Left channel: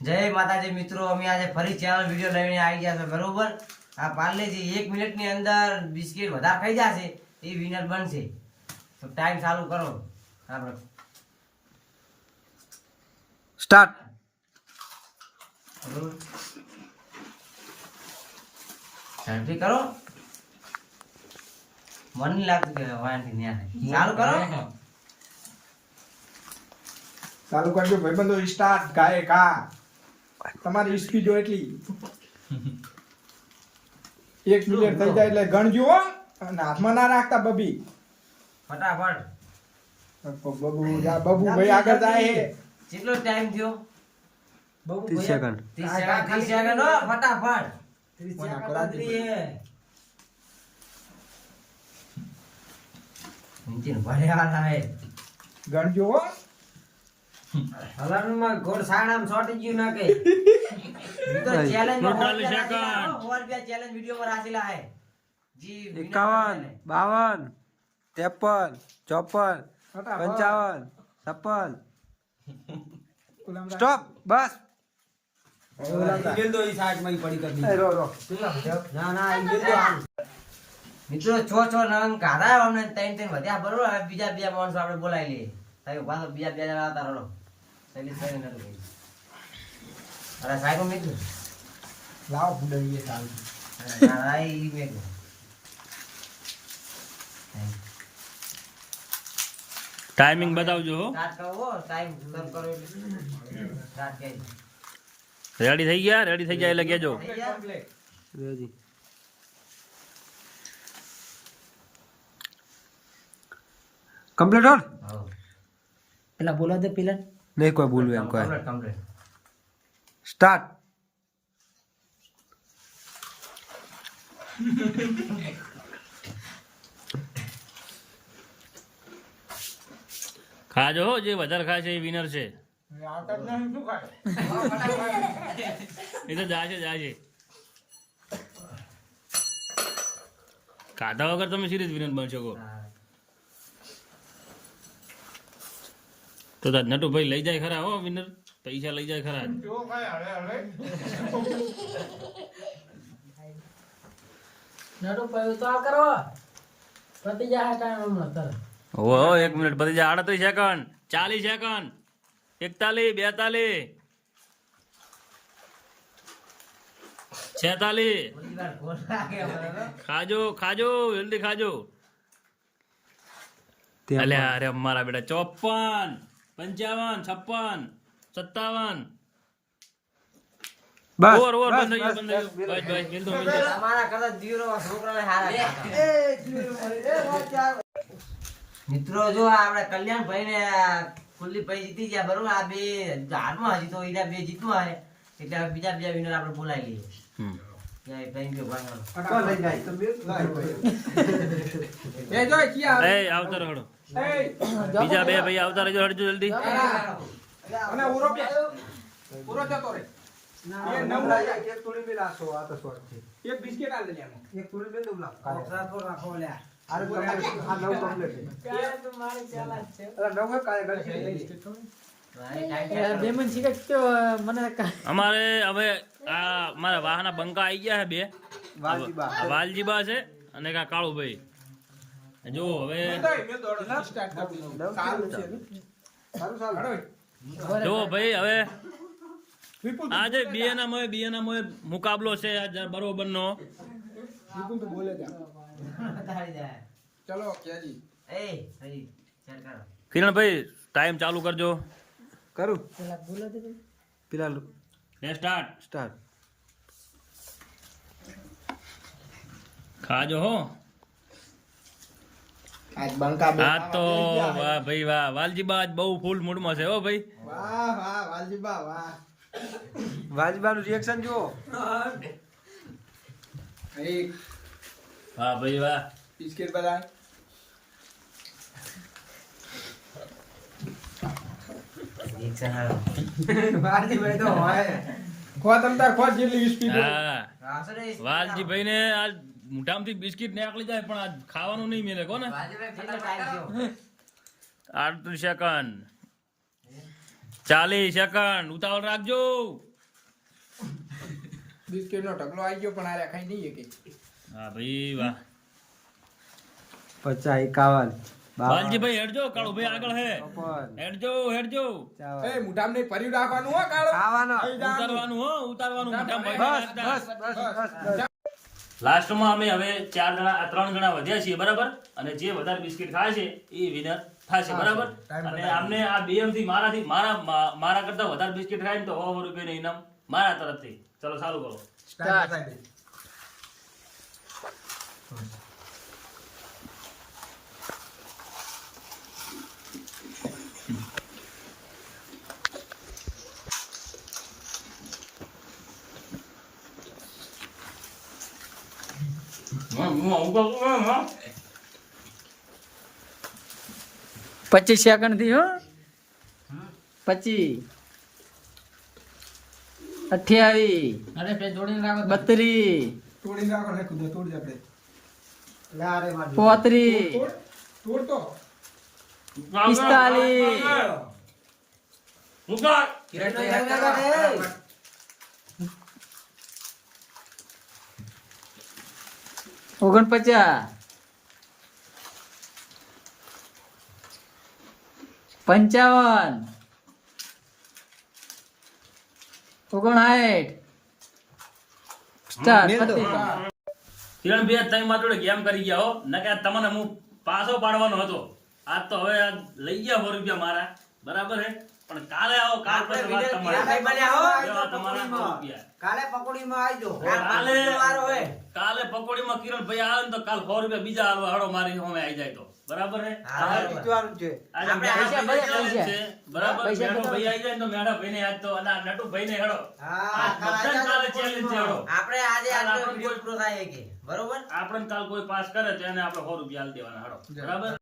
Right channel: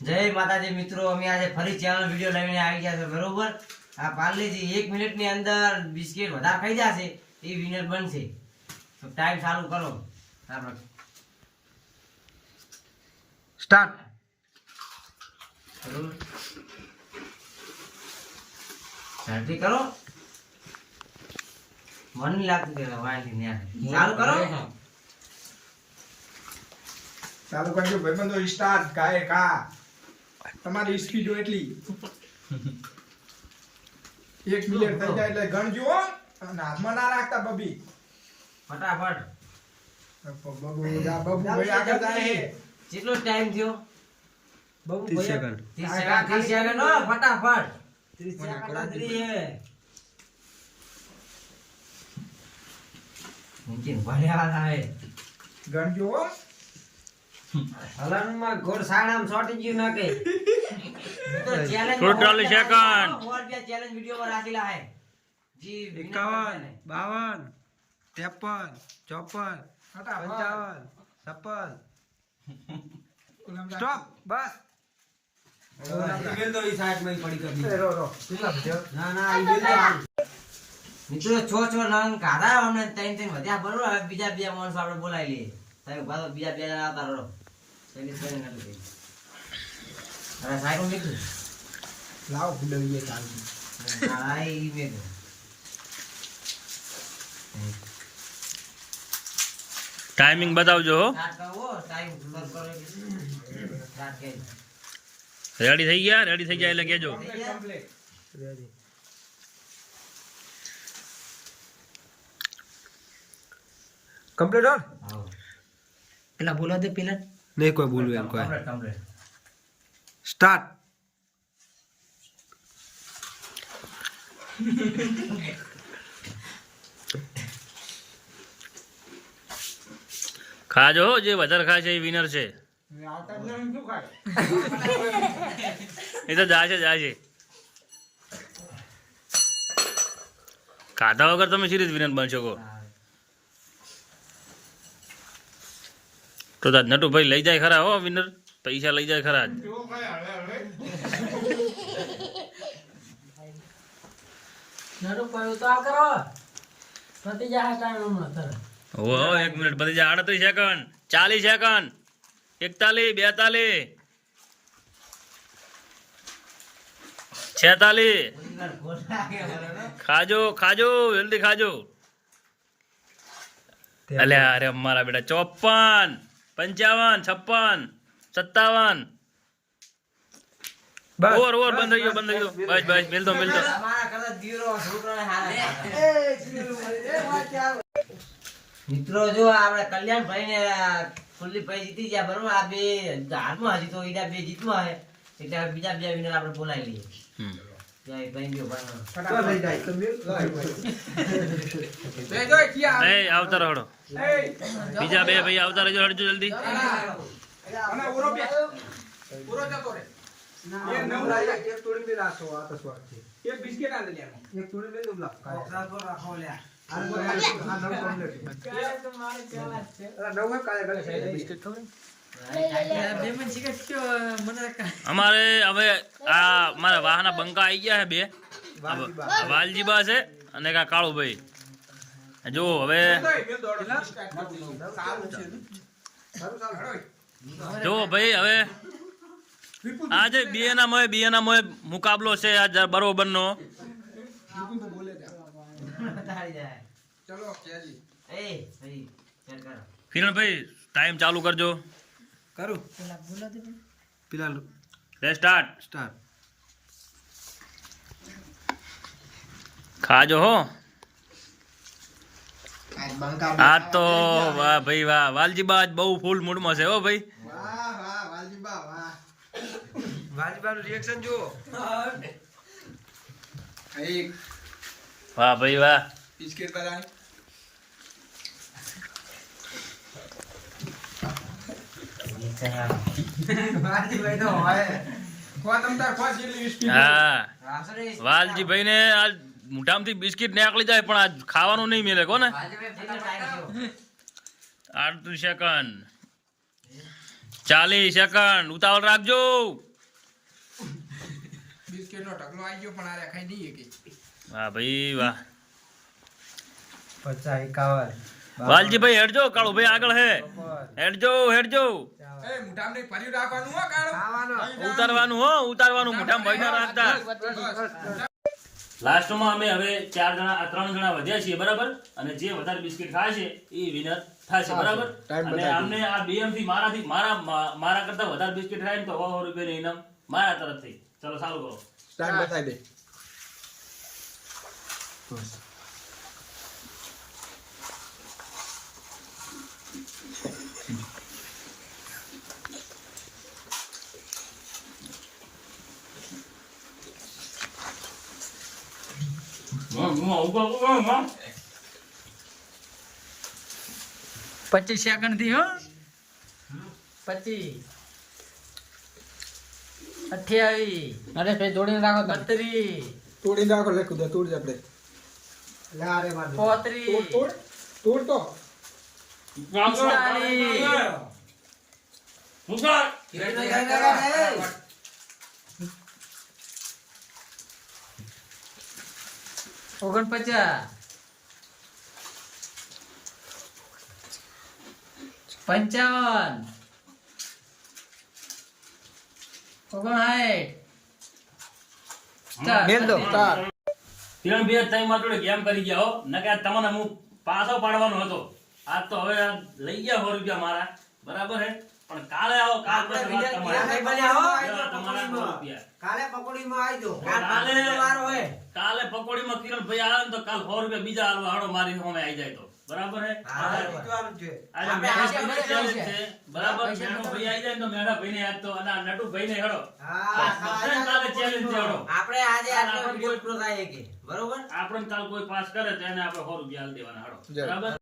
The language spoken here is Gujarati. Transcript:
જય માતાજી મિત્રો, અમે આજે ફરી ચેનલ વિડિયો લઈને આવી ગયા છે બરોબર. આ પાર્લેજી 1 મિનિટની અંદર બિસ્કિટ વધારે ખાઈ જશે એ વિનર બનશે. તો ટાઈમ ચાલુ કરો આપણે સ્ટાર્ટ. જલ્દી કરો, મન નહીં લાગતું કે વાંધી ન્યા ચાલુ કરો. ચાલુ કરજો ભાઈબંધો. સ્ટાર્ટ. ગાય કા તમારી સ્પીડ હોય એટલી 1 મિનિટ થઈ જાય એટલે ગણજો હો. અને હાથમાં ના રાખતા બબી. ફટાફટ બબુ જા, બબુ ભાઈ આગળ જાય હે. કેટલો ટાઈમ થયો? 30 સેકન્ડ. 30 સેકન્ડ હો, ફટાફટ 30 સેકન્ડ આદરી હે. નીતિન ભણ્યા હે. ગણજો હો. હલાનમાં ઘોર સાણામ છોટી ગયું ના કે તો ચેલેન્જ 40 સેકન્ડ. और भी चैलेंज वीडियो पर हासिल है जी. 51, 52, 53, 54, 55, 56. સ્ટોપ. બસ. ईमेल तो इस साइड में ही पड़ी करनी રો રો. ना ना ईमेल तो आम મિત્રો છો નંગ કાઢા અમને ત્રણ વધ્યા બરોબર. હવે બીજા બે માણસો આપણે બોલાવી લઈએ. સાહેબ બાદ બીજા બે જણા આવતા રહો. સૈનિક સૈનિક એટલે કહી અરે સાહેબ મેં કીધું લાવ ભૂલવીએ ચાલુ. ના ના ઈ મેં કીધું ટાઈમિંગ બતાવજો હો. સ્ટાર્ટ કરો ટાઈમ સર કરો એટલે સ્ટાર્ટ કરી રેડી થઈ ગયા? રેડી થઈ જાય એટલે કહેજો. થઈ ગયા? રેડી. કમ્પ્લીટ હોલ. હા પેલા બોલા દે પેલા. નહીં કોઈ બોલું એમ કોઈ. Complete complete start. ખાજો હો, જે વધારે ખાય છે એ વિનર છે. આવતા જ નહીં શું ખાય? એ તો જાશે જાશે. ખાધા વગર તમે સિરીઝ વિનર બની શકો. તો નટુભાઈ લઈ જાય ખરા હો વિનર. પૈસા લઈ જાય ખરા. જો ખાય હળે હળે. હો 1 મિનિટ પતી જાય. 38 સેકન્ડ, 40 સેકન્ડ, 41, 42, 46. વાર ખોલ લાગે મને તો. ખાજો ખાજો, જલ્દી ખાજો. અલ્યા અરે અમારા બેટા 54, 55, 56, 57. બસ. ઓર બંધ થઈ ગયો, બંધ થઈ ગયો. બસ બસ મિલતો મિલતો. તમારા કરતા દીવરો છોકરાને હારા મિત્રો જો આપણે કલ્યાણભાઈ ને ફૂલી ભાઈ જીતી ગયા બરોબર. આ બે હારમાં હજી તો ઈડા બે જીતવા હે એટલે હવે બીજા બે વિનર આપણે બોલાવી લઈએ. કઈ ગયો ભાઈ તો લઈ જાય તો બે લાવ. એ જો કિયા. એ આવતા રહો. એ બીજા બે ભાઈ આવતા રહેજો, હટજો જલ્દી. અને ઉરો પે. ઉરો જતો રે. એક નવ એક થોડી પે રાખો. આ તો સ્વાદ છે. એક બિસ્કિટ આ લે લે. એક થોડી પે દુબલા. તો રાખો લે. આ નવ કમ્પ્લીટ છે. અરે નવ કાય કરે છે બિસ્કિટ થોડી. અમારે હવે આ મારા વાહના બંકા આવી ગયા છે બે. વાલજીબા છે અને કા કાળુભાઈ. જો હવે જો ભાઈ હવે આજે બે ના મોય મુકાબલો છે આજ બરોબર નો. બતાડી જાય. ચલો કેજી. એ ભાઈ ચેક કરો. કિરણભાઈ ટાઈમ ચાલુ કરજો. કરું. પેલા લે સ્ટાર્ટ. સ્ટાર્ટ. ખાજો હો. આજ બંકા આ તો વાહ ભાઈ વાહ. વાલજીબા આજ બહુ ફૂલ મૂડમાં છે હો ભાઈ. વાહ વાહ વાલજીબા વાહ. વાજબાનું રિએક્શન જુઓ. એક વાહ ભાઈ વાહ. બિસ્કિટ બતાય. એક સહાય. વાલજીભાઈ તો હોય. ખો તમતા ખો જેટલી સ્પીડ. હા આસરે વાલજીભાઈ ને આજ મોઢામાંથી બિસ્કિટ નીકળી જાય પણ આજ ખાવાનું નહીં મળે કોને. વાલજીભાઈ કેટલો ટાઈમ થયો? 38 સેકન્ડ, 40 સેકન્ડ. ઉતાવળ રાખજો. બિસ્કિટનો ઢગલો આવી ગયો પણ આરે ખાઈ નહીં કે વાહ ભાઈ વાહ 50 51 વાલજીભાઈ હેડજો કાળુભાઈ આગળ હે હેડજો એ મુઠામ ને ભરી રાખવાનું હો કાળો ઉતારવાનું મોઢામાં ભરી ના રાખતા લાસ્ટમાં અમે હવે 3 જણા વધ્યા છીએ બરાબર અને જે વધારે બિસ્કિટ ખાય છે એ વિનર થશે બરાબર અને અમને આ BM થી મારા કરતા વધારે બિસ્કિટ ખાય ને તો 100 રૂપિયાનું ઇનામ મારા તરફથી ચલો ચાલુ કરો સ્ટાર્ટ બતાવી દે પચીસ સેકન્ડ થી હો 25 28 અરે ભાઈ જોડીને રાખો 32 તોડી રાખો લે કુદે તોડ આપણે લે આરે માર 35 તોડ તો 45 49 55 કિરણ બે તઈ માટે ગેમ કરી ગયા હો નકે તમને હું પાછો પાડવાનો હતો આજ તો હવે લઈ ગયા 100 રૂપિયા મારા બરાબર હે પણ કાલે આવો કાલ પછી વાત તમારા 100 રૂપિયા કાલે પકોડીમાં આવજો કાલે પકોડીમાં કિરણ ભાઈ આવે ને તો કાલ 100 રૂપિયા બીજા હાલવા હડો મારી સામે આવી જાય તો બરાબર હે આજે મેઠો ભાઈ challenge છે બરાબર મેઠો ભાઈ આવી જાય ને તો મેઠા ભાઈને આજ તો અને નટુ ભાઈને હડો બધાને કાલે challenge છે હડો આપણે આજે આટલો વિડિયો પૂરો થાય કે બરોબર આપણે કાલ કોઈ પાસ કરે તો એને આપણે 100 રૂપિયા આલ દેવાના હડો બરાબર